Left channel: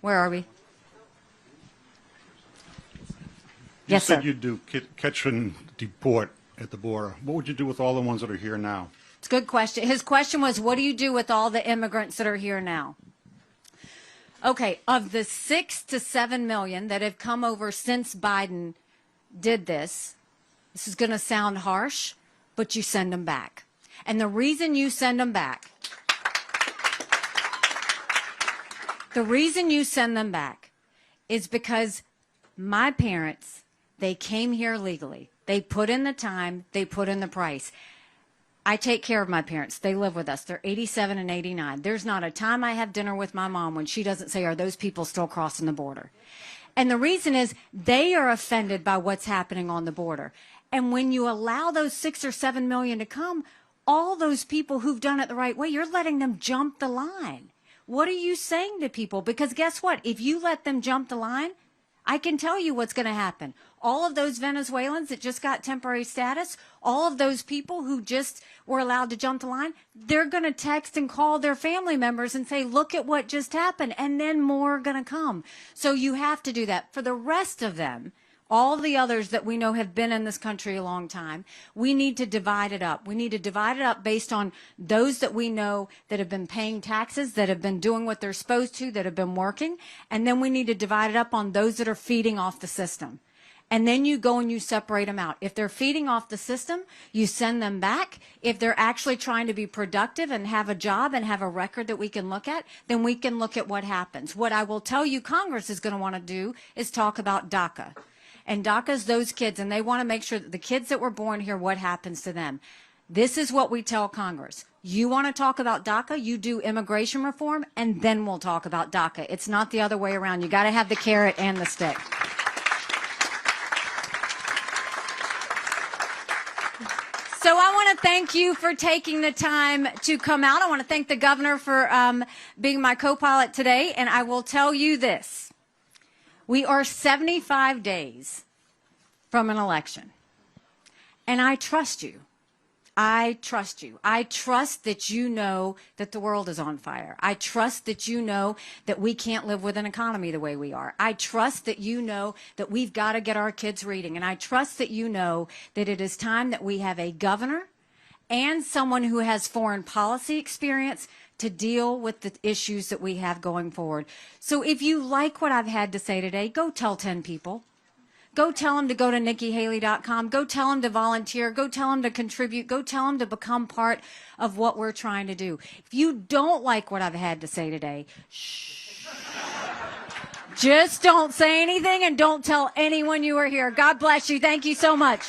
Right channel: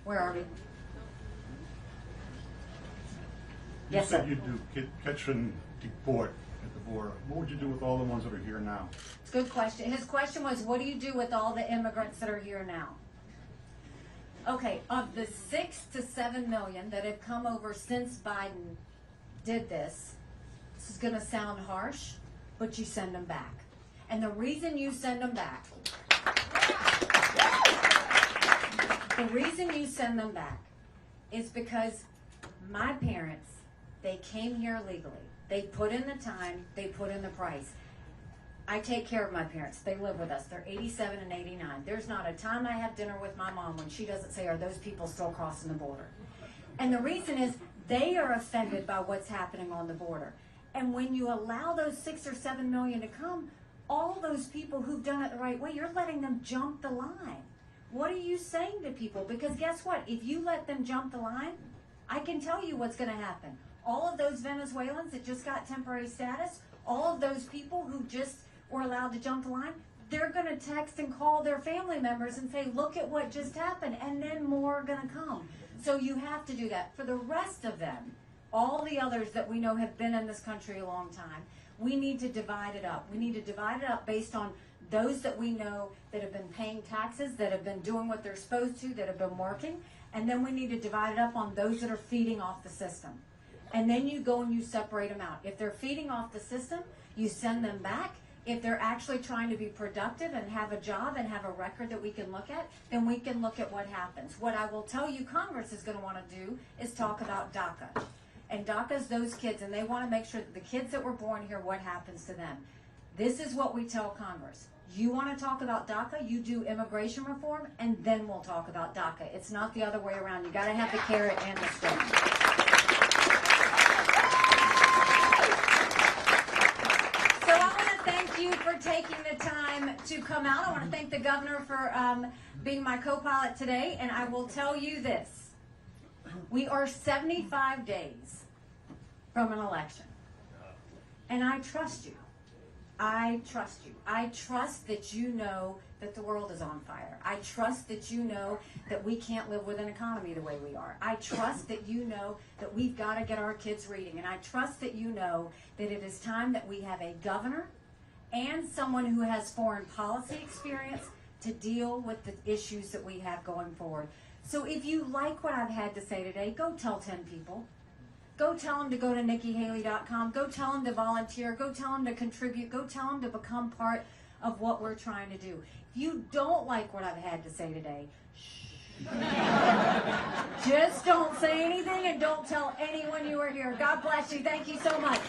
Where are we? You Yes, said sir. you'd do catch and deport at the border. What would you do with all the ones that are here now? It's a good question. His question was, what do you do with all the immigrants that are here now? Okay, of the 6 to 7 million that have come over since Biden did this is going to sound harsh, but you send them back. And the reason you send them back, is because my parents, they came here legally. They put in the time, they put in the price. I take care of my parents. They live with us. They're 87 and 89. There's not a time I have dinner with my mom when she doesn't say, are those people still crossing the border? And the reason is they are offended by what's happening on the border. And when you allow those 6 or 7 million to come, all those people who've done it the right way, you're letting them jump the line. What are you saying to people? Because guess what? If you let them jump the line, I can tell you what's going to happen. All of those Venezuelans that just got temporary status, all of those people who just were allowed to jump the line, they're going to text and call their family members and say, look at what just happened, and then more are going to come. So you have to do that. For the rest of them, all the others that we know have been in this country a long time, we need to divide it up. We need to divide it up based on those that we know that have been paying taxes, that have been doing what they're supposed to, that have been working, and then we need to divide it up on those that are feeding off the system. And then you go and you separate them out. If they're feeding off the system, you send them back. If they're actually trying to be productive and have a job and have a record that we can look at, then we can look at what happens. What I will tell you Congress is going to want to do is talk about DACA. And DACA is those kids, and they want to make sure that the kids that were born here, what happens to them. This is what we tell Congress. You want to talk about DACA, you do immigration reform, and then we'll talk about DACA. It's not the other way around. You got to have the carrot and the stick. So I want to thank you for taking the time to come out. I want to thank the governor for being my co-pilot today. And I will tell you this. We are 75 days from an election. And I trust you. I trust you. I trust that you know that the world is on fire. I trust that you know that we can't live with an economy the way we are. I trust that you know that we've got to get our kids reading. And I trust that you know that it is time that we have a governor and someone who has foreign policy experience to deal with the issues that we have going forward. So if you like what I've had to say today, go tell 10 people. Go tell them to go to NikkiHaley.com. Go tell them to volunteer. Go tell them to contribute. Go tell them to become part of what we're trying to do. If you don't like what I've had to say today, shh. Just don't say anything and don't tell anyone you were here. God bless you. Thank you so much.